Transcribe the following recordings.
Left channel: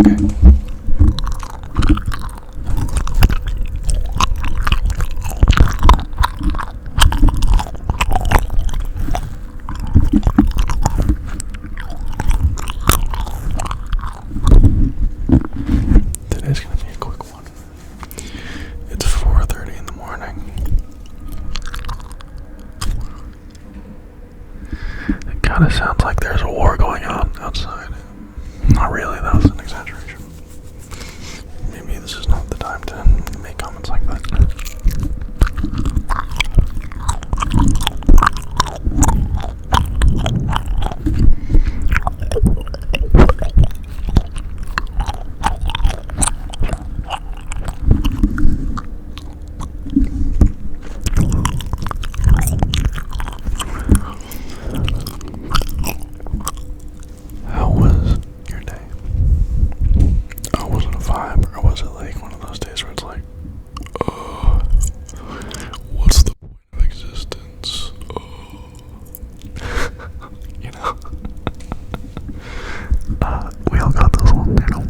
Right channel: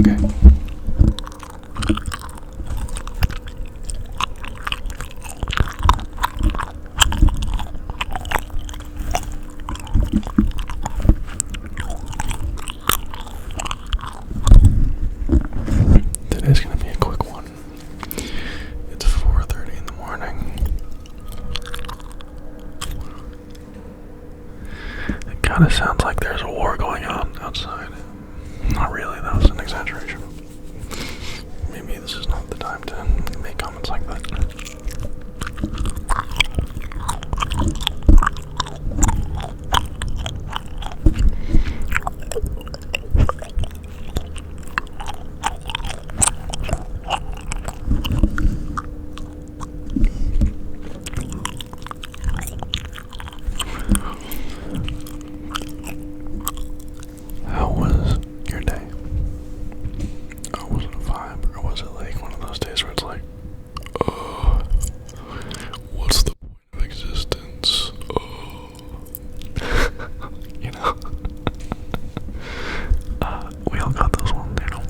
Okay. Today's gonna be a quick one. It's 4:30 in the morning. It kind of sounds like there's a war going on outside. Not really, that was an exaggeration. Maybe this is not the time to make comments like that. How was your day? Was it a vibe, or was it like one of those days where it's like, what's the point of existence? You know? We all got those ones, you know?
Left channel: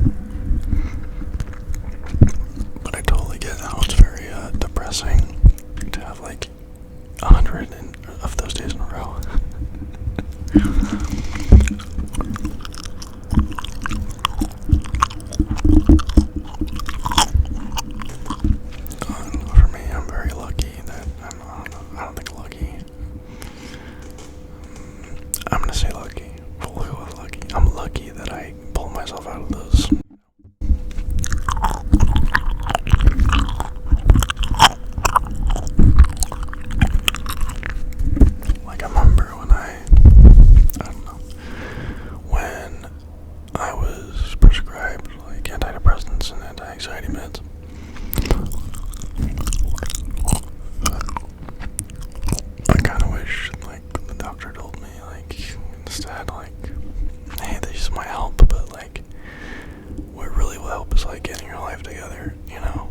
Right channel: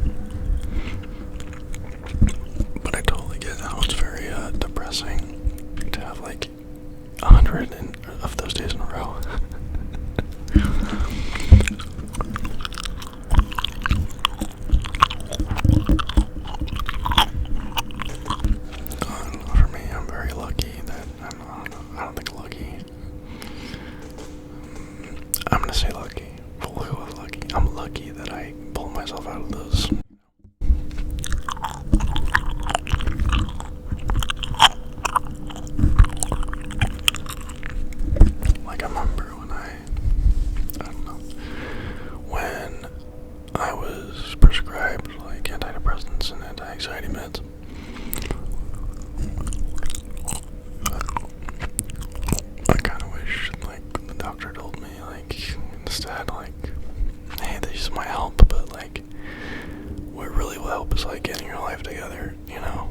But I totally get how it's very depressing to have like 100 of those days in a row. For me, I'm very lucky that I don't think lucky. I'm gonna say lucky. We'll go with lucky. I'm lucky that I pulled myself out of those. Like I remember when I don't know, when I was prescribed like antidepressants and anti-anxiety meds. I kind of wish like the doctor told me like instead like, hey, these might help, but like what really will help is like getting your life together, you know.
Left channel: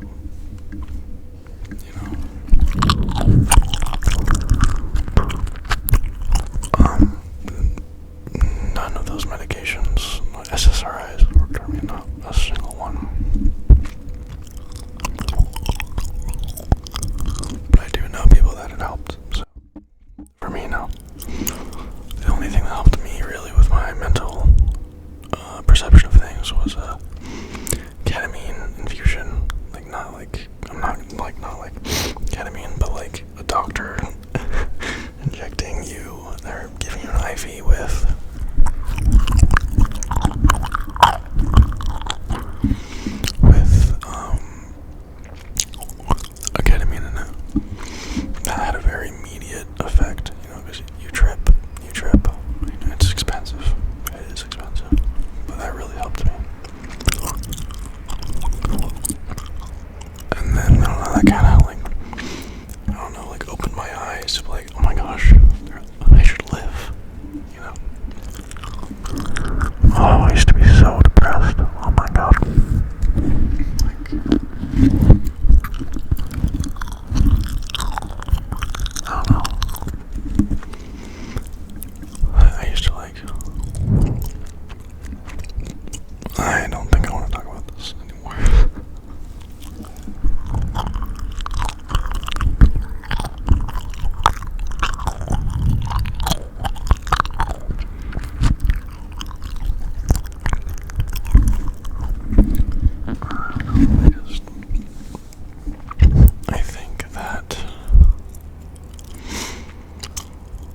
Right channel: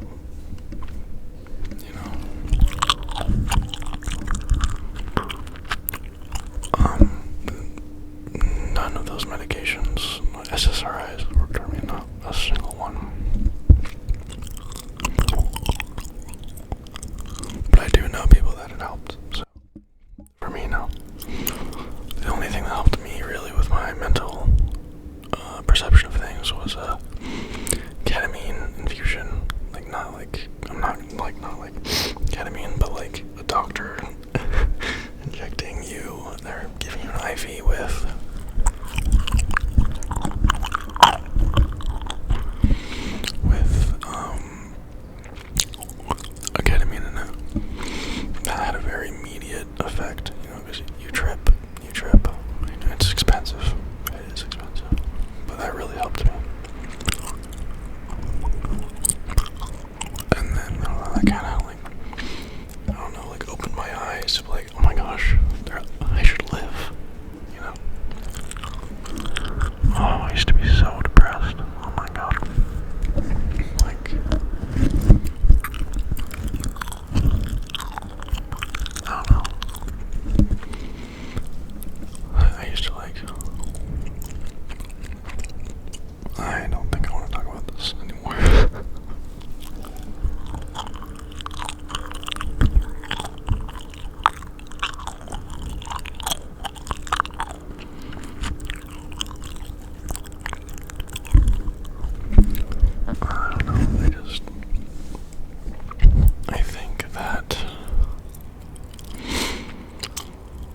None of those medications, SSRIs, worked for me, not a single one. But I do know people that it helped, so for me, no. The only thing that helped me really with my mental perception of things was a ketamine infusion. Like not like ketamine, but like a doctor injecting you. They're giving you an IV with a ketamine in it. That had a very immediate effect, you know, because you trip. It's expensive. It is expensive, but that really helped me. And then that kind of like opened my eyes to like, oh my gosh, I should live, you know. Oh, I used to be so depressed. Oh my god. Like, I don't know. I used to like, I don't think I want to talk about this anymore. I think that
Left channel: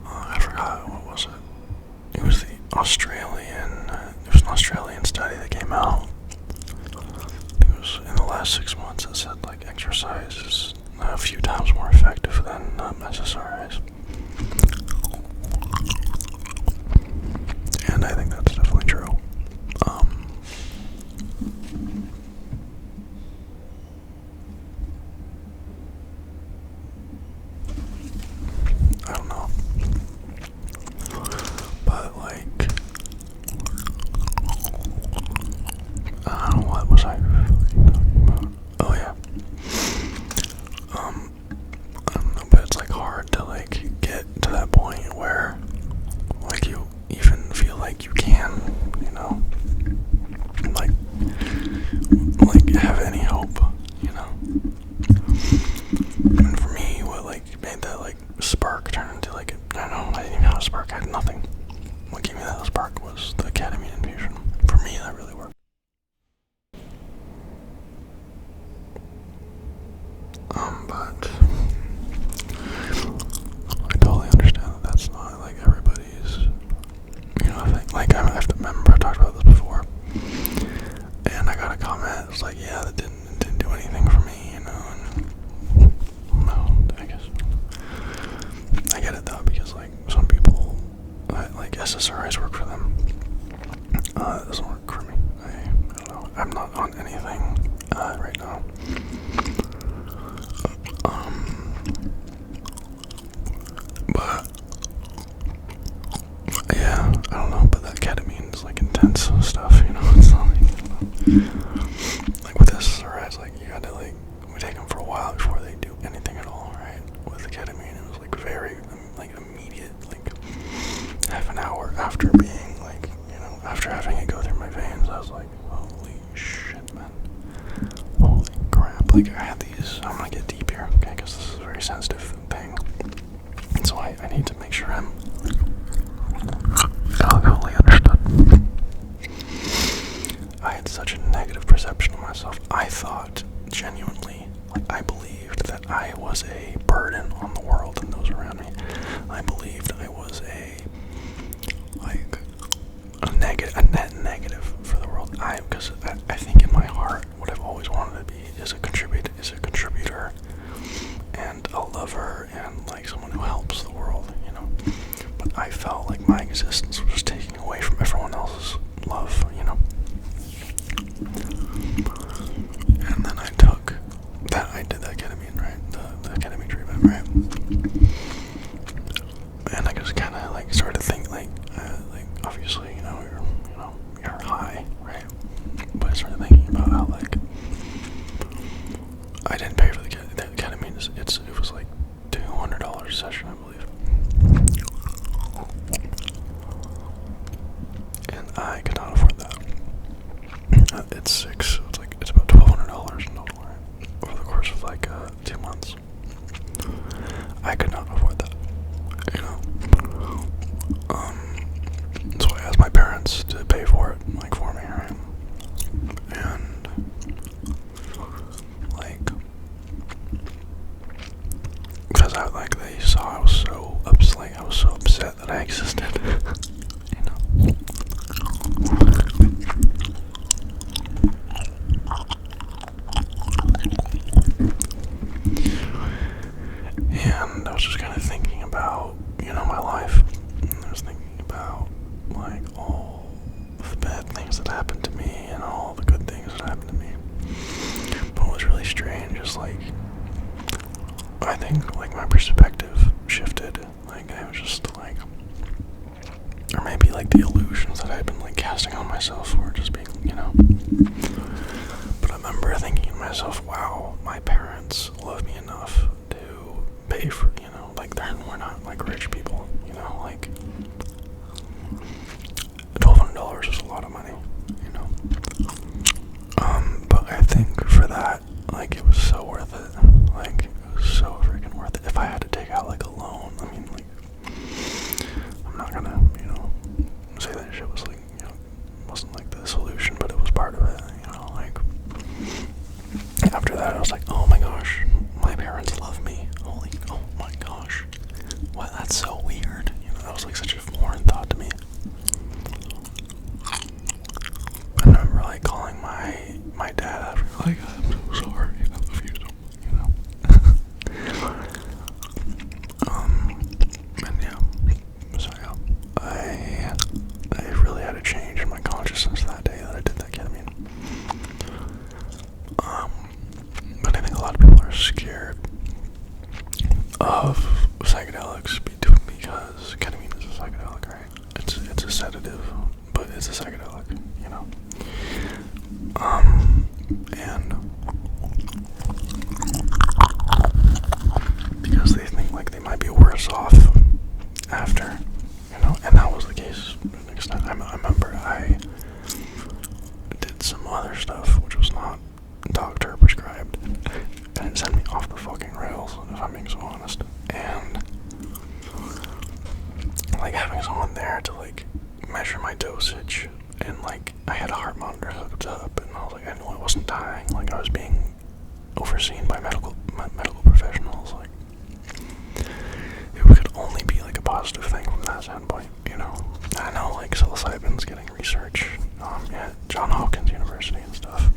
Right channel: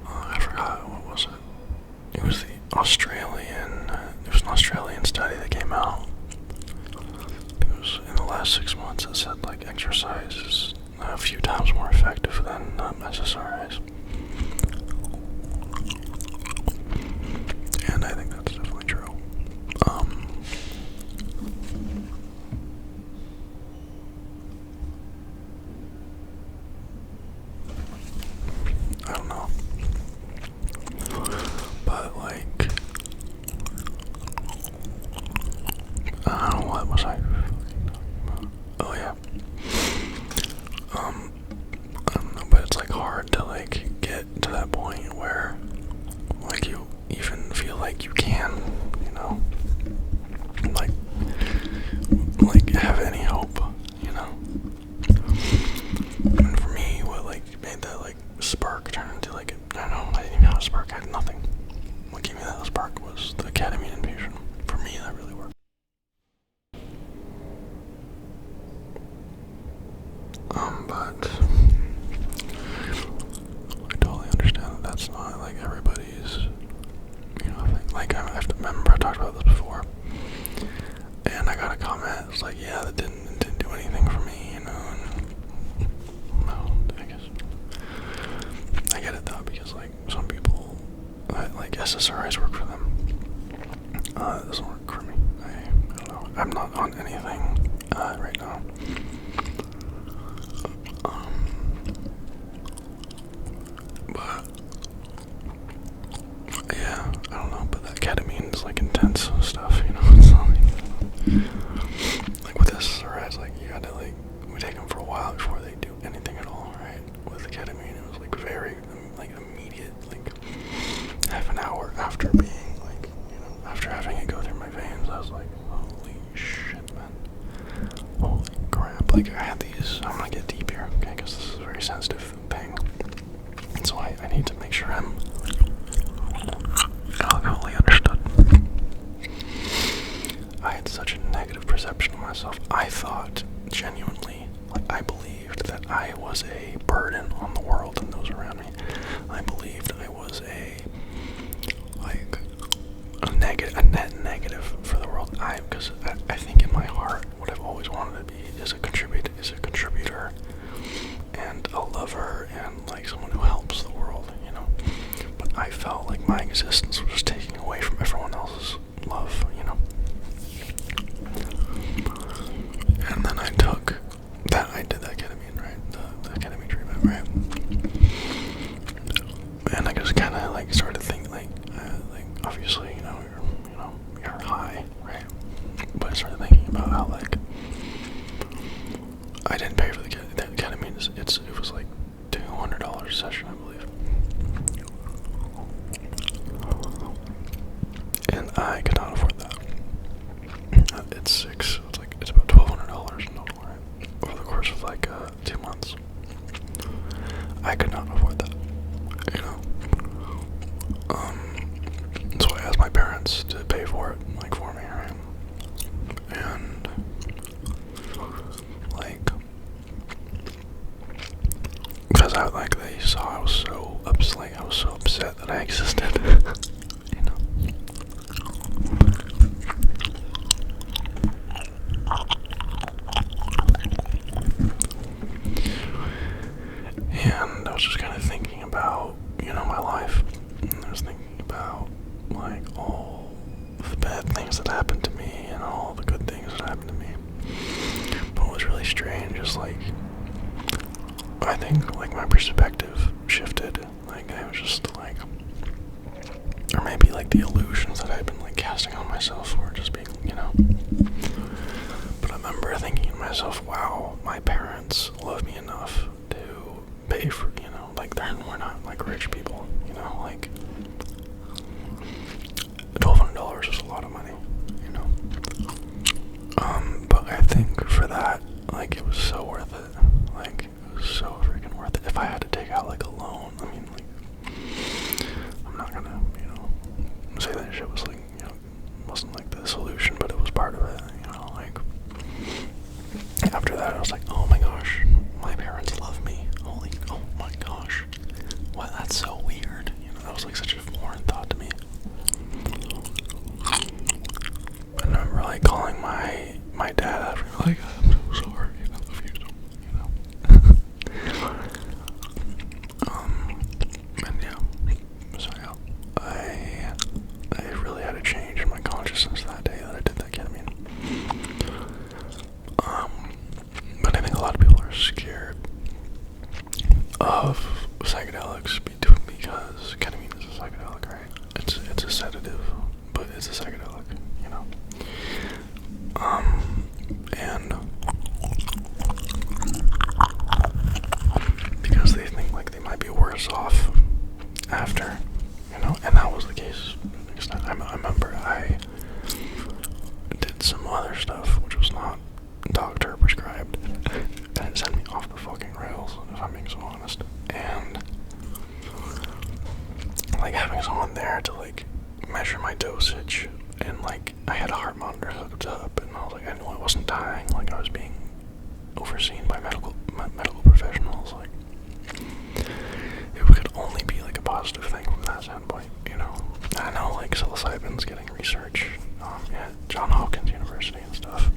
I forgot, what was it? It was an Australian study that came out. It was in the last 6 months. It said like exercise is a few times more effective than SSRIs. And I think that's definitely true. I don't know. But like, what was I talking about? Oh yeah. I don't know, but it's like hard to like get to that point where like you even feel like you can, you know, like was like, yeah, that didn't do anything for me, you know. And, well, I guess I get it though, because like some people, like SSRIs work for them. It doesn't work for me. I don't know. I'm not on anything right now. But yeah, I don't know. But that ketamine is like intense stuff, you know. It's not like with SSRIs, like you gotta like we take them for a while before they do anything at all, right? With the ketamine, it was like very like immediate, like half an hour after being like, you know, after having it go through my veins, I was like, holy shit, man. Holy crap. Like, I had these, I'm gonna get deep here, okay, because this is a very sensitive thing. And so I need to make sure I'm fully understood. I had such a negative perception of myself. I thought, genuinely, like, I believed that I was a burden on the world and those around me. I believed I was a net negative for the world. Because I think in my heart, what I've always wanted to be is a contributor and a lover and like someone who helps the world, you know. But I felt like my existence was just taking away from everyone else's love, you know. And then I did that ketamine, right? The ketamine treatment, right? And I just kind of like started thinking, like obviously, you know, you're high, right? But I started thinking about how like I didn't pay for the ketamine. It was like $200 a session, I believe, and I could not afford that. It's about $1,200 in total, right? Over the course of like 2 months, I could not afford that, you know. So I asked my parents to pay for it, like for me, right? And like, because they saw I was so upset that I existed, you know. And I was just kind of thinking about, you know, my life. And I was thinking about like all the bad things that happened to me and all the good things that happened to me. But what was really strange is like, I think like my perspective shifted. Like I was just like, or maybe like the illusions that I'd been like casting on myself were just being, you know. But I remember thinking to myself, wow, my parents love me enough to pay for, you know, like we're not like rich people, you know, like $1,200 is a lot of money, you know. But I think for that, like it was so worth it. Like it was so freaking worth it. If I had to take out like a loan, I mean, like I'm not gonna, you know, say that shit was like, you know, wasn't like the solution, but it was part of it, you know. Like after that, I was like, oh my gosh, my parents love me. Oh my gosh, what? That's so weird. You know, that was like such a foreign thought to me. I remember like calling my dad after, like, I'm so sorry, I love you, you know. And yeah, so yeah, I really had a change in my consciousness that day that I did that ketamine. But I think a lot of people are scared of psychedelics because ketamine is a psychedelic, right? It's a sedative, but it's a psychedelic, you know. And because they think like they might be worse off after, you know, and that was the case. Next time, I remember I did some other stuff which was not doctor prescribed, and it sent me off the fucking rails, if I'm being so honest. And like having someone there to like measure my dosage, and like I had a heart monitor hooked up, and I was like, I knew I wasn't dying, like I was being overseen by medical professionals. Like it could only be like a positive thing from that standpoint, you know. I know like psilocybin's getting research at Johns Hopkins University and stuff,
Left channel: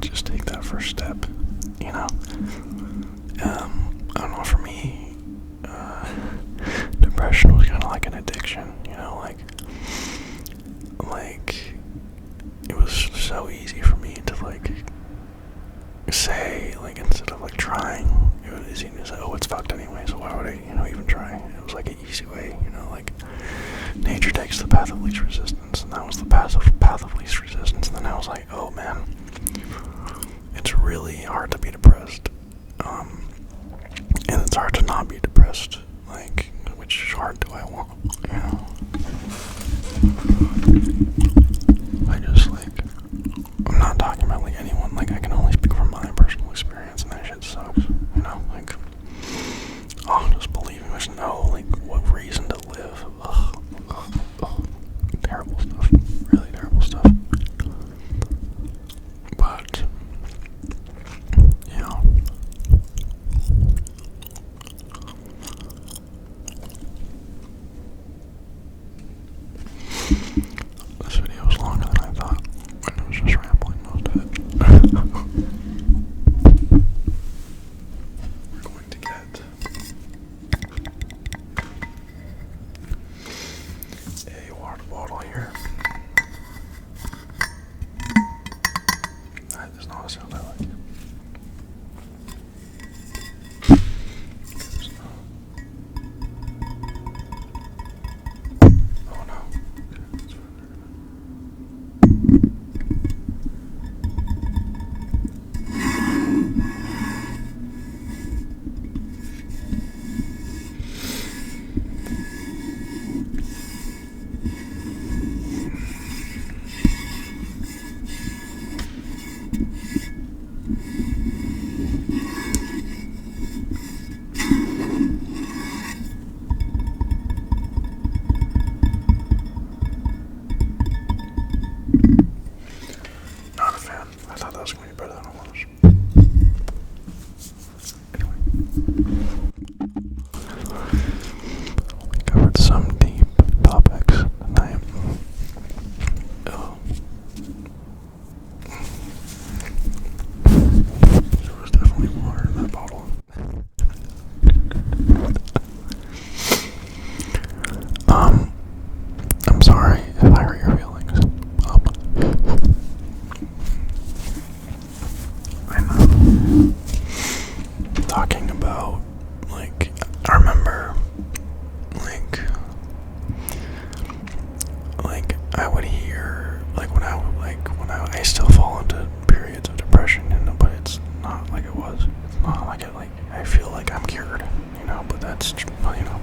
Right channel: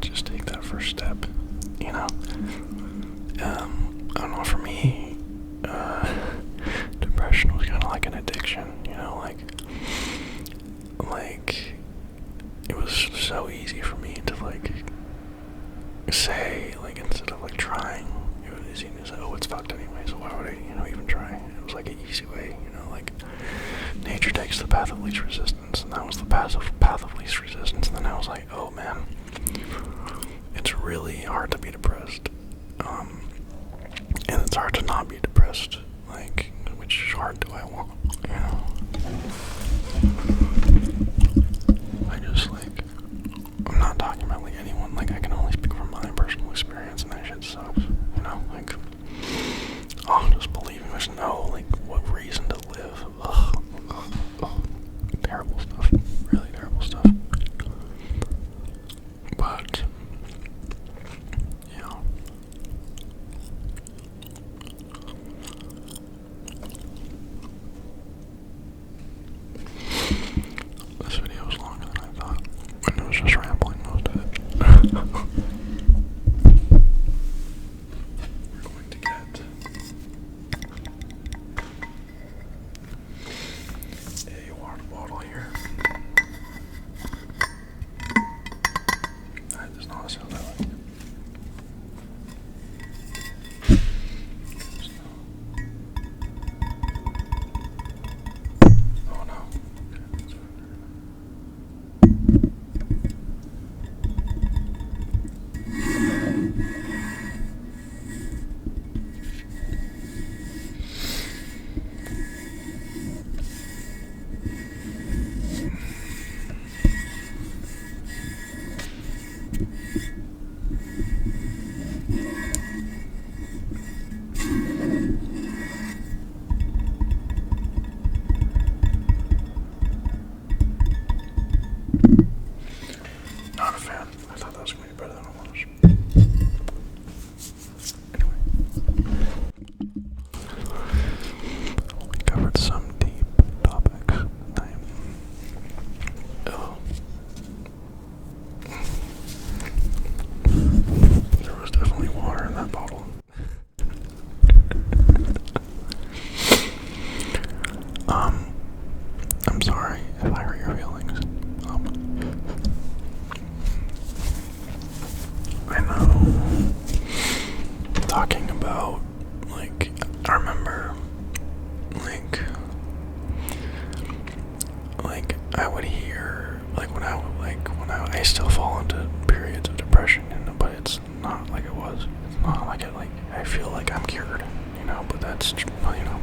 just take that first step, you know? I don't know, for me, depression was kind of like an addiction, you know, like, it was so easy for me to, like, say, like, instead of, like, trying, it was easy to say, oh, it's fucked anyway, so why would I, you know, even try? It was, like, an easy way, you know, like, nature takes the path of least resistance, and that was the path of least resistance, and then I was like, oh, man, it's really hard to be depressed, and it's hard to not be depressed, like, which hard do I want, you know? I just, like, I'm not talking about, like, anyone, like, I can only speak from my personal experience, and that shit sucks, you know, like, oh, just believing there's no, like, what reason to live, ugh, terrible stuff, really terrible stuff, but, you know, this video was longer than I thought, and it was just rambling most of it. We're going to get a water bottle here. That is not a sound I like. Oh no. Not a fan. I thought that was going to be better than it was. Anyway. We covered some deep topics tonight. Oh. There was definitely water in that bottle. I'm sorry if I hurt your feelings. I know. Talking about, like, I remember, like, I would hear, like, when I still fall into periods of depression, you know, but it's not like it was. It's not like it, like, I feel like I'm cured, you know, but that's, you know,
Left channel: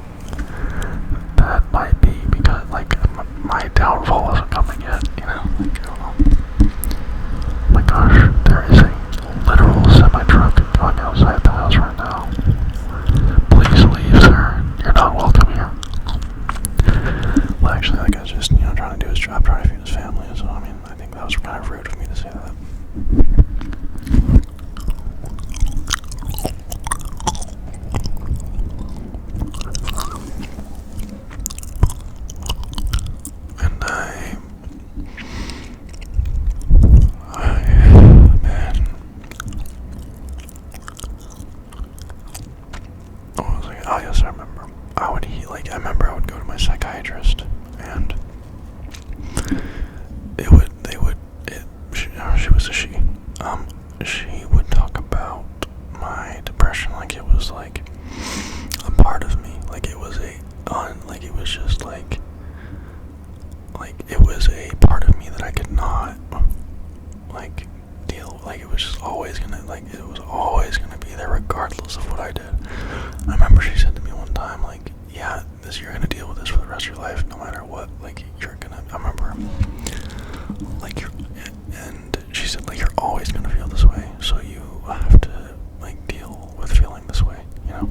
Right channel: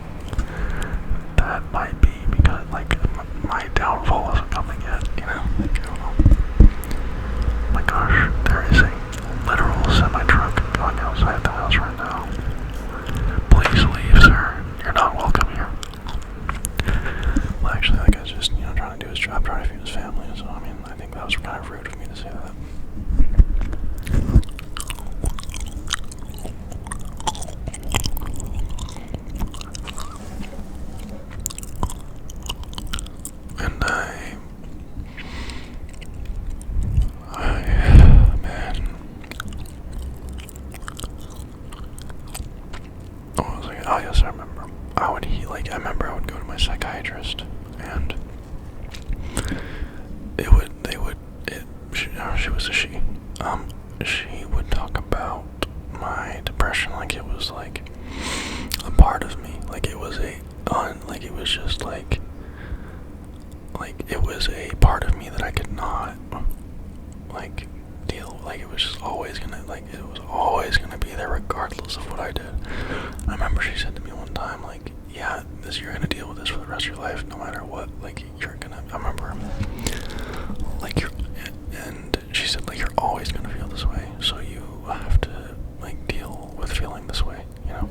that might be because, like, my downfall isn't coming yet, you know, like, I don't know. Oh my gosh, there is a literal semi-truck going outside the house right now. Please leave, sir. You're not welcome here. Well, actually, that guy's just, you know, trying to do his job, trying to feed his family, so, I mean, I think that was kind of rude of me to say that. And man, what was I? Oh yes, I remember. I remember I would go to my psychiatrist, and she was a she. She would talk about my depression like it was like a part of me, like it was it was just like it was a part of me that I could not, like, deal, like, it was just always gonna, like, it was always gonna be there regardless of what I did. I remember she said to me one time, like, yeah, you're gonna deal with this for the rest of your life, no matter what, like, I remember, like, and she said, like, you're always gonna feel this way, so you have to, like, deal with feeling this way, you know?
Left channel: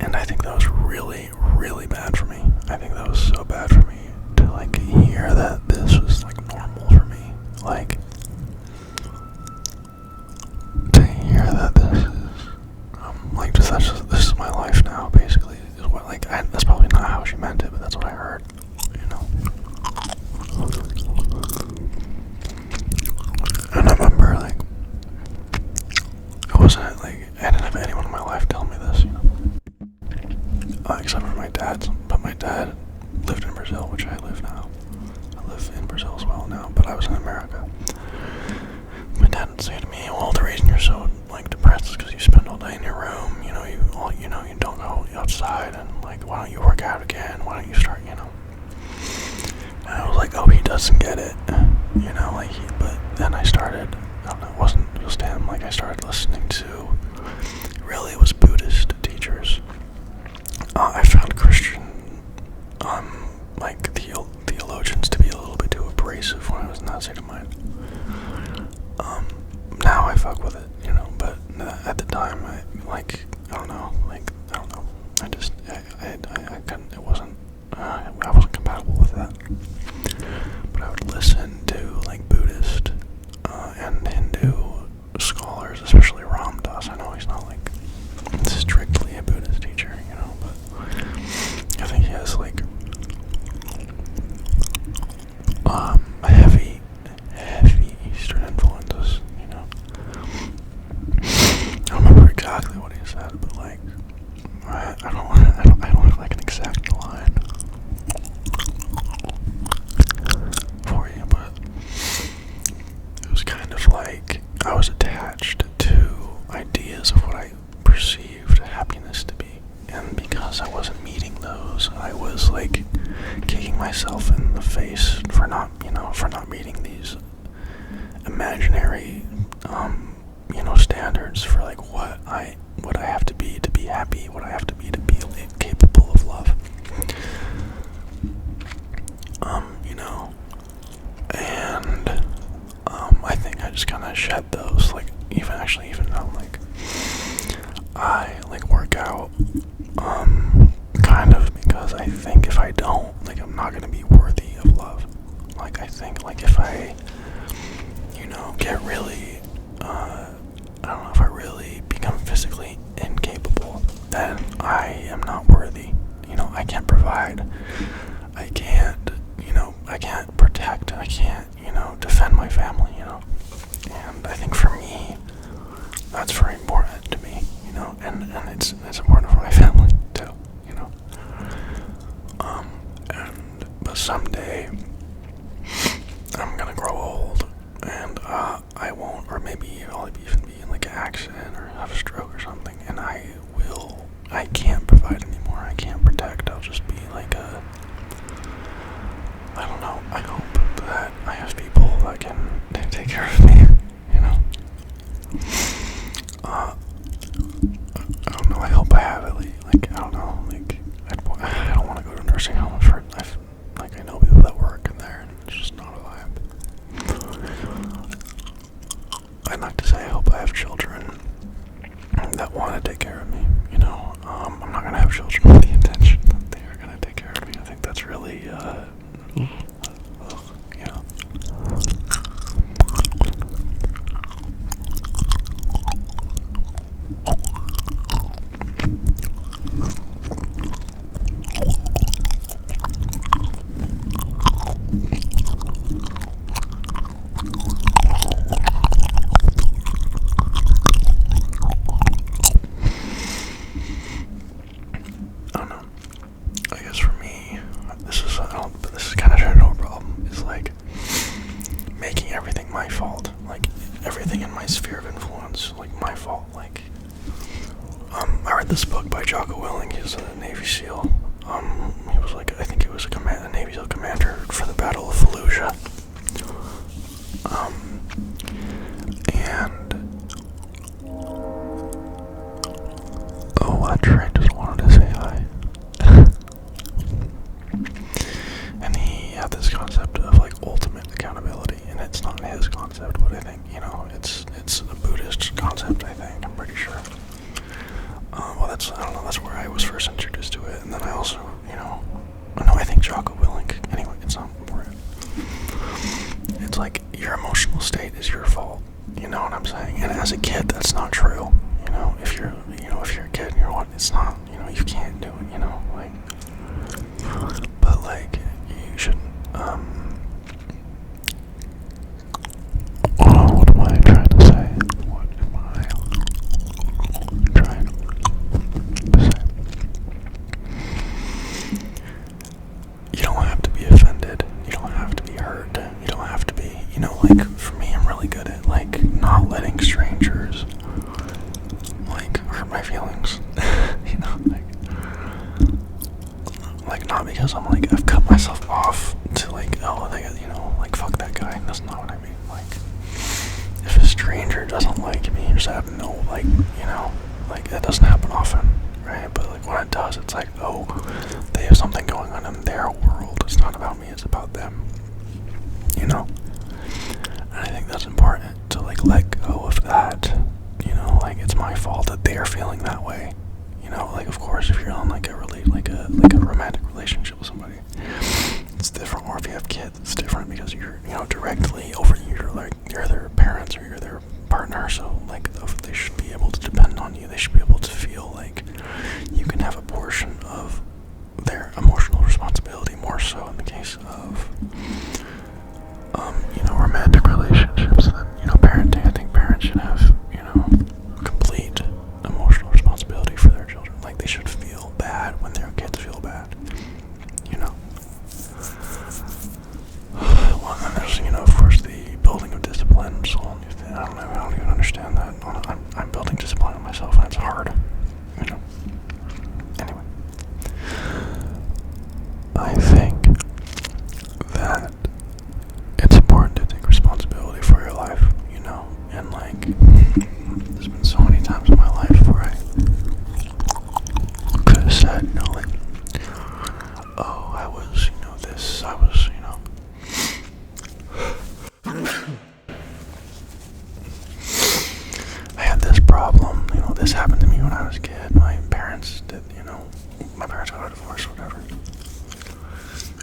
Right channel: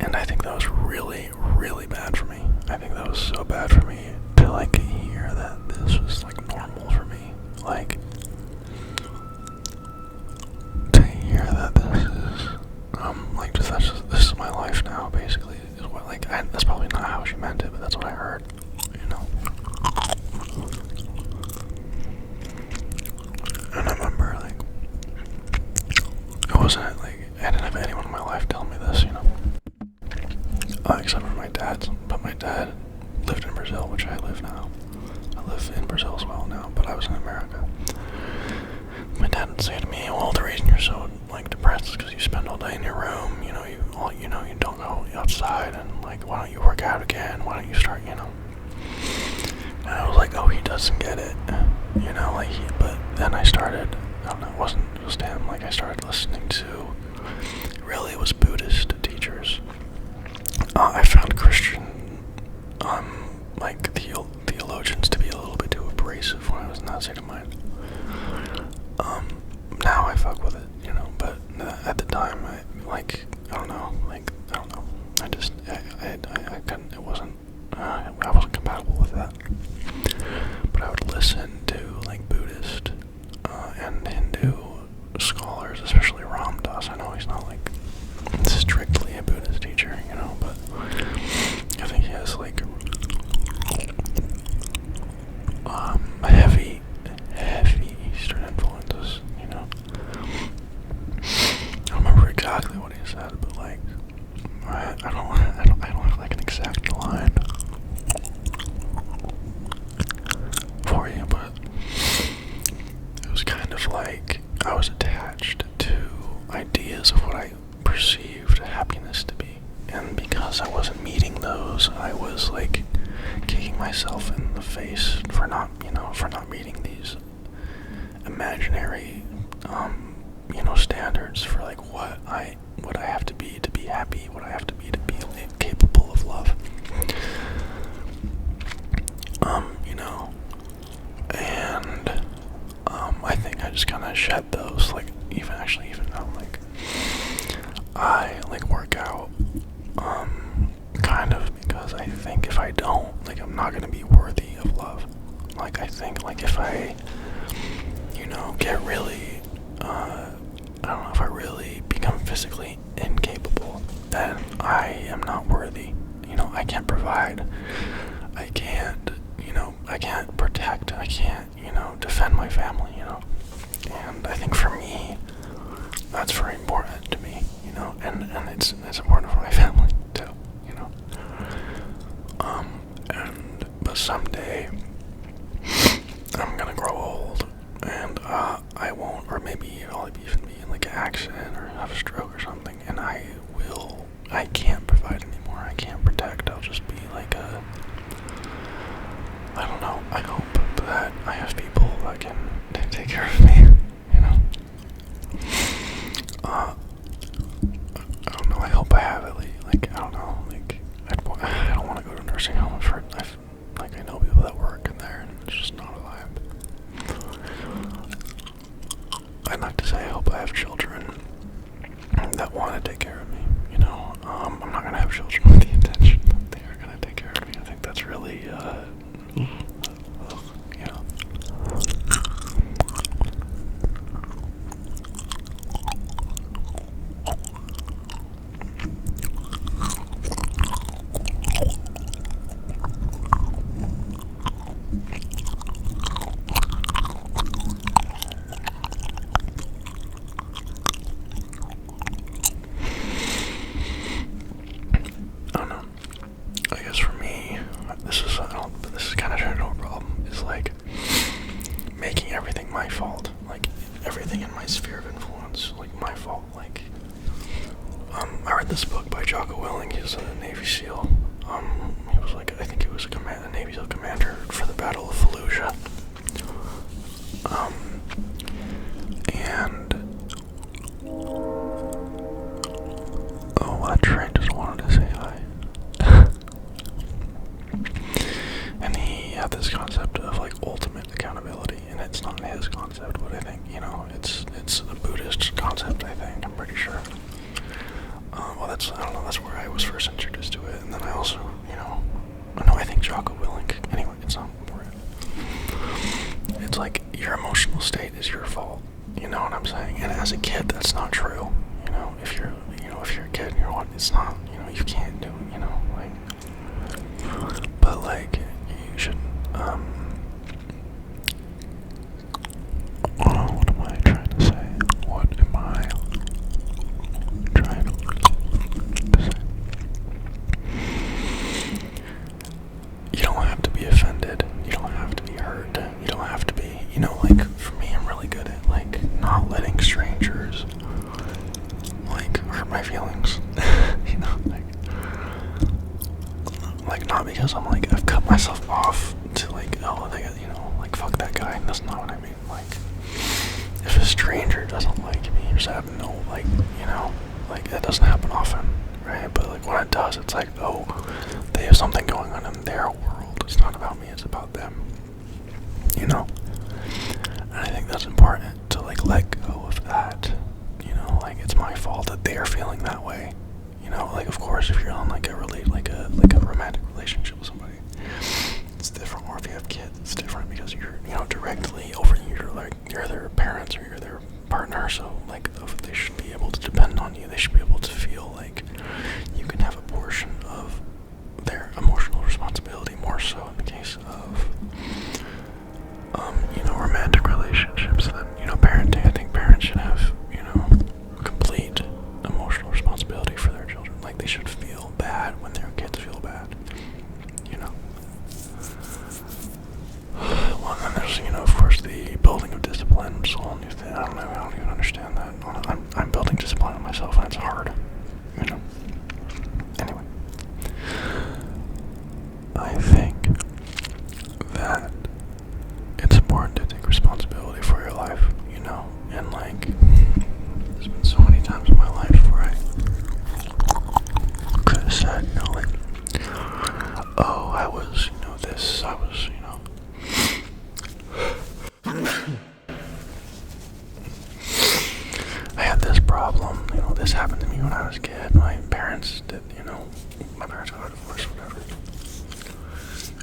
And I think that was really, really bad for me. I think that was so bad for me to, like, hear that this was, like, normal for me. Like, to hear that this is, like, this is my life now, basically, is what, like, that's probably not how she meant it, but that's what I heard, you know? except for my dad's. But my dad lived in Brazil, which I live now. I live in Brazil as well now, but I was in America. My dad would say to me, "Well, the reason you're so like depressed is because you spend all day in your room. You don't go outside, and like, why don't you work out again? Why don't you start, And I was like, oh, he doesn't get it, But then I started. I don't know. It wasn't just him. Like, I started listening to. Really, it was Buddhist teachers. I found Christian, theologians to be a little bit too abrasive when I was in that state of mind. Now I fuck with it, but at the time, I don't know, I just, I couldn't, it wasn't, I wasn't compatible with that. But I would listen to, Buddhist, and Hindu scholars, especially Ramdas. I know he's not, strictly a Buddhist teacher, but I think he has, heavy Eastern influences, I don't remember exactly what he said, but I don't have an exact line for you, but it was kind of like I was attached to ideas of what I perceived happiness to be, and because I wasn't meeting those, I was kicking myself in the face for not meeting these imaginary standards for what I have to be happy, what I have to be capable of love. And I think I just kind of shed those, even though I work out, kind of because I think if I don't, I'm not gonna be worthy of love. I think if I get really, I don't know, if I really become physically incapable, then I am not worthy. I can't provide. I can't protect. I can't, defend my family, And I think for me, that's very important to me, and it's important for my family too, but someday I'm gonna grow old, and I won't, or maybe I'll even be in an accident or have a stroke or something, and I can't provide anymore, I can't protect, I'll just be I don't know, I hope that I have people that can take care of me, I don't know, I hope I have at least, I don't know, I don't want to go to a nursing home. I know people that work in there, and it's just not a vibe. I'd like to say I hope I have children that want to take care of me, I'm not going to have children with the intention that they are going to take care of me. I think that's really, this is kind of a problem, is making everything my fault, everything in my sphere of influence, my fault, I read this book by Jocko Willing. He's a Navy SEAL, he was I think he was a Navy SEAL commander for the Battle of Fallujah, and, oh, that train just wanted to say hi. And he had this concept of ultimate accountability, and it's not his concept, but I think it's a Buddhist concept. I think, I'm pretty sure. Well, I don't know. That's where I was first introduced to it, and then I also no, I think Jocko Willink. Anyway, it's not important. It's your emotional state is your fault. You know what I'm saying? And as a kid, that's not true. If you're a kid and you're what, it's not. You can't do it. But you should, what am I trying to say? What am I trying to say? Like, not because I'm like, I've cut myself off to like, oh, they got, you know, like, fuck that guy. That's not what I mean. Like, if a stranger doesn't like me, or just have no, like, you know, like, that doesn't happen often, right? But like, when it does, it's like, oh, they have something going on in their world. It's not about me, it's about them, you know? And I think that's important to like let go of that, you know, like, it's my fault that they're feeling that way. You know, like, of course, if you're on like a romantic relationship with somebody, it's different. Or if you have kids, it's different because you're, you know, directly over, you're their parents or you're their partner. So like, they should be able to depend on you. They should be able to feel like you can have a portion of their emotional responsibility, more so in the case of you know, romantic relationships than, you know, parenting. I think parents should have, you know, complete emotional responsibility for their children. Like, they should feel bad when their kids feel bad, you know. Well, and then there's, you know, of course, the building of discipline, which is a whole new thing. I don't even understand that. I'm building discipline on myself, and it's hard, you know. Anyway, I think that it's important to take responsibility for your life, you know, and like, there's been so many times in my life where I could have said, you know, like, oh, I was, you know, this, I was, you know, I had this problem, you know, this happened to me when I was a kid, my parents did, you know, my parents got a divorce or whatever.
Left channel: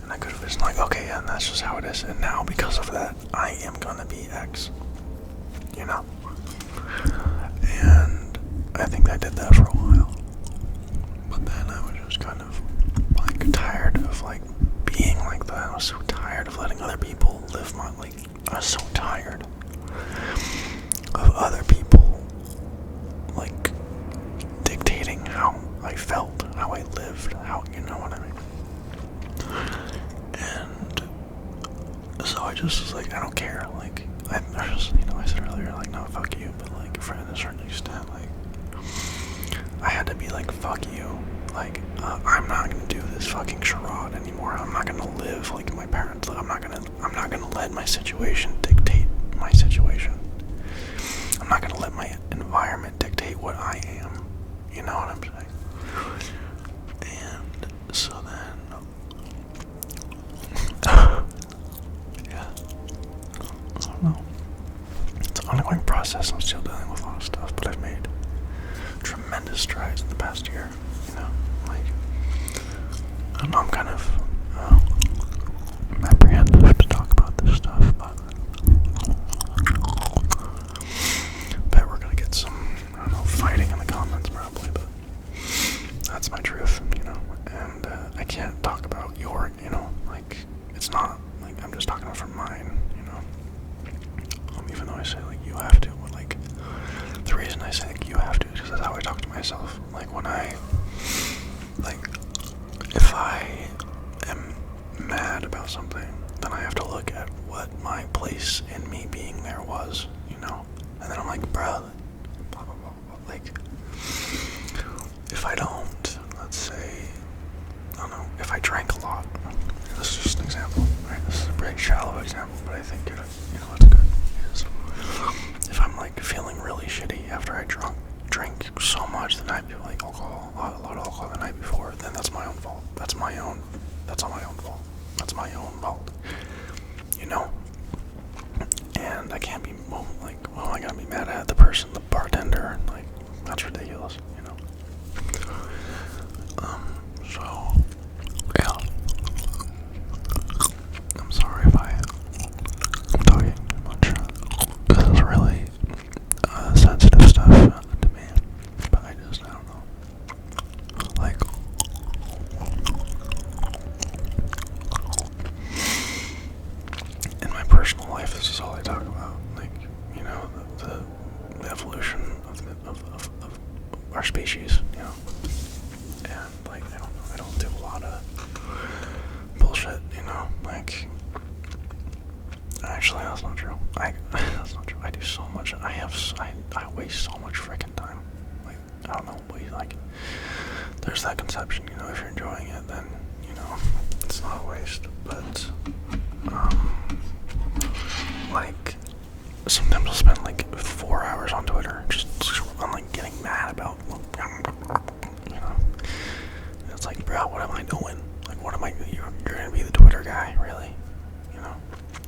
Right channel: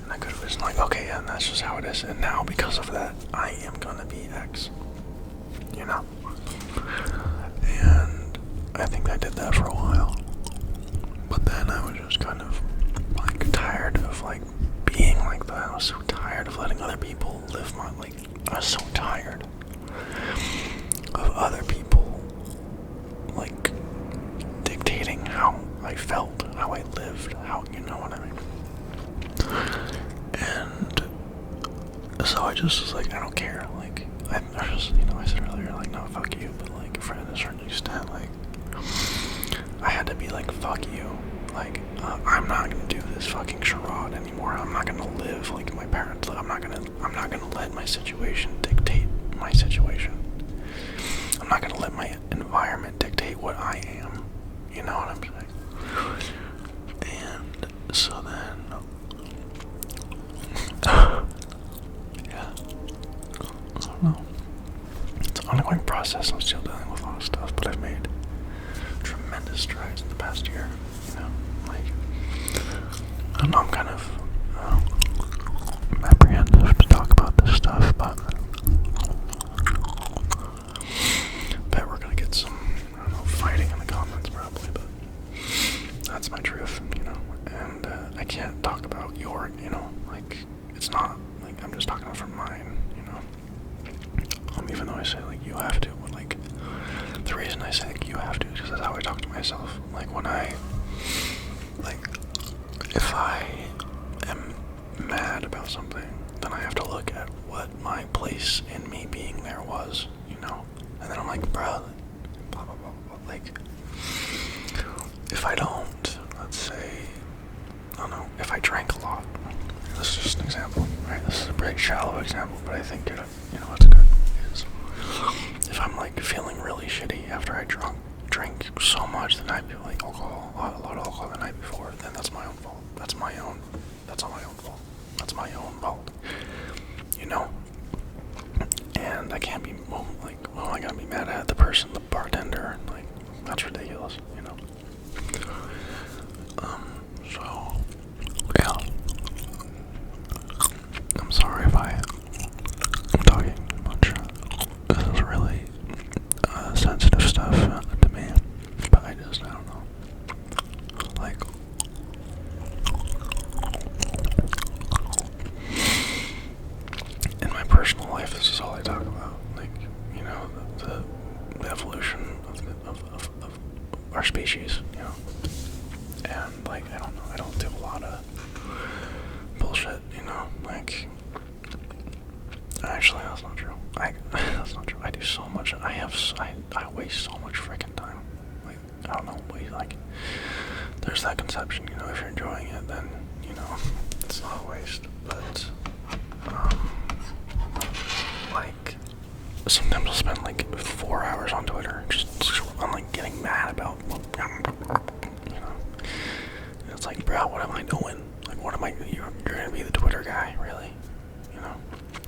And I could have just like, okay, yeah, and that's just how it is. And now, because of that, I am gonna be X, you know? And I think I did that for a while. But then I was just kind of, like, tired of, like, being like that. I was so tired of letting other people live my, like, I was so tired of other people, like, dictating how I felt, how I lived, how, you know what I mean? And so I just was like, I don't care. Like, I just, you know, I said earlier, like, no, fuck you. But like, for a certain extent, like, I had to be like, fuck you. Like, I'm not gonna do this fucking charade anymore. I'm not gonna live like my parents. I'm not gonna let my situation dictate my situation. I'm not gonna let my environment dictate what I am. You know what I'm saying? And so then, yeah, I don't know. It's an ongoing process. I'm still dealing with a lot of stuff, but I've made tremendous strides in the past year. You know, like, I don't know, I'm kind of apprehensive to talk about this stuff, but bet we're gonna get some, I don't know, fighting in the comments probably, but that's my truth, you know. And I can't talk about your, you know, like, it's not like I'm just talking about from mine, you know. Even though I say like you have to, but like the reason I say like you have to is because that's how I talk to myself. Like, when I, like, if I am mad about something, then I have to look at what my place in me being there was, you know. And then I'm like, bro, blah blah blah blah. Like, if I don't, let's say, I don't know, if I drank a lot, this is just an example, right? This is a pretty shallow example, but I think it, you know, it's good. Is if I'm like feeling really shitty after I drink so much the night before, like alcohol, a lot of alcohol the night before, then that's my own fault. That's all my own fault. That's my own fault. You know? And I can't be, well, I gotta be mad at the person, the bartender, like, that's ridiculous, you know? So, yeah. I'm sorry if I'm talking too much. This is really sensitive stuff to me, but I don't know. Like, in my personal life, this is all I talk about. Like, you know, the evolution of our species, you know. And, like, I don't know, I don't do a lot of bullshit, you know, like, actually, that's not true. That's not true. I do so much. I waste so much freaking time. Like, I don't know, like, there's that conception, you know, if you're enjoying it, then, you it's not a waste, but, like, sometimes I'll spend, like, 4 hours on Twitter, just I'm, like, getting mad about, it's like, bro, what am I doing? Like, what am I, you're gonna be the Twitter guy, really?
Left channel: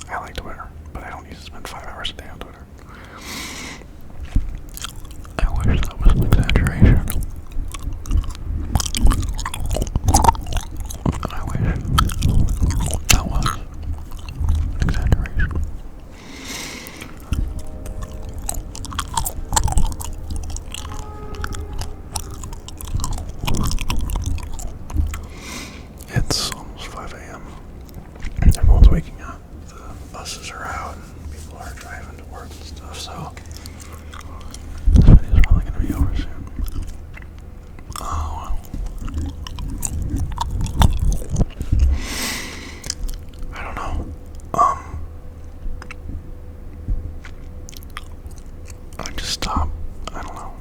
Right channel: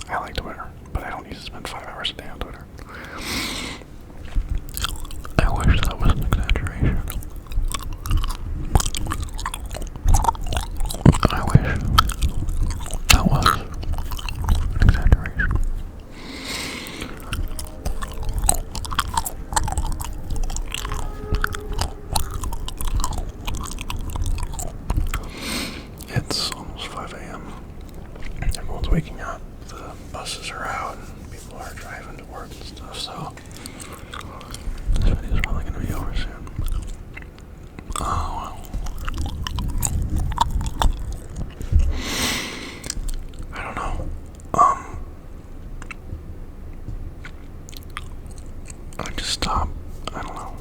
I like Twitter, but I don't need to spend 5 hours a day on Twitter. I wish that was an exaggeration. I wish that was an exaggeration. It's almost 5 a.m. Everyone's waking up. The buses are out and people are driving to work and stuff, so this video is probably going to be over soon. Oh, well. I don't know. I just stopped. I don't know.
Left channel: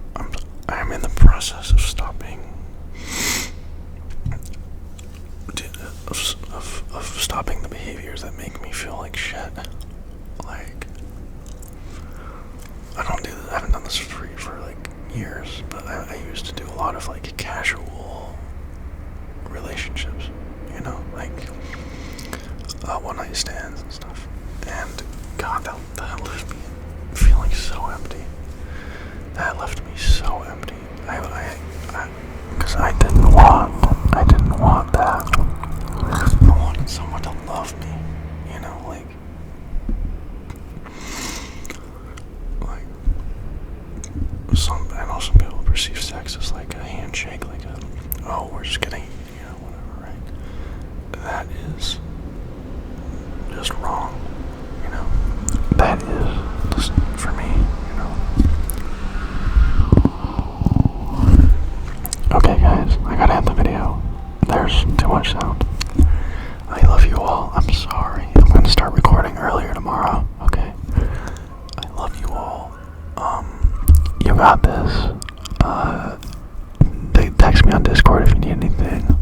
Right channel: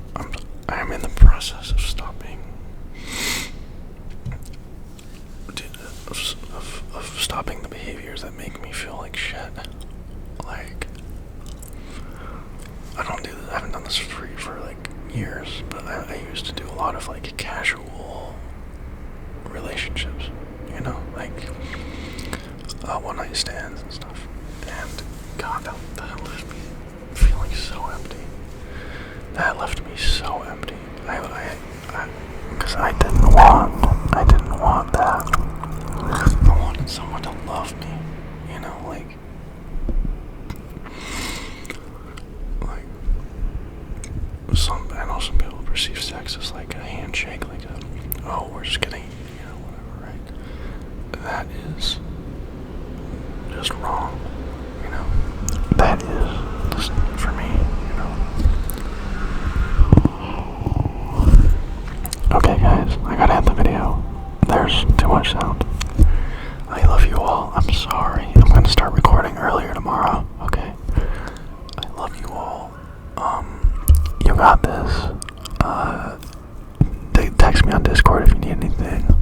I'm in the process of stopping. Of stopping the behaviors that make me feel like shit. Like, I haven't done this for like years, but I used to do a lot of like casual relationships, like one night stands and stuff. And God, that left me feeling so empty. That left me so empty. Because I didn't want that. I wanted someone to love me, I know some people perceive sex as like a handshake, like we're just getting, whatever, right? That is just wrong, That is just, for me, Okay, guys, I gotta end the video. There's too much sound. I love you all. I'm sorry. I'm gonna start recording earlier tomorrow, okay? I love you all. You got this. Text me on Discord if you need anything.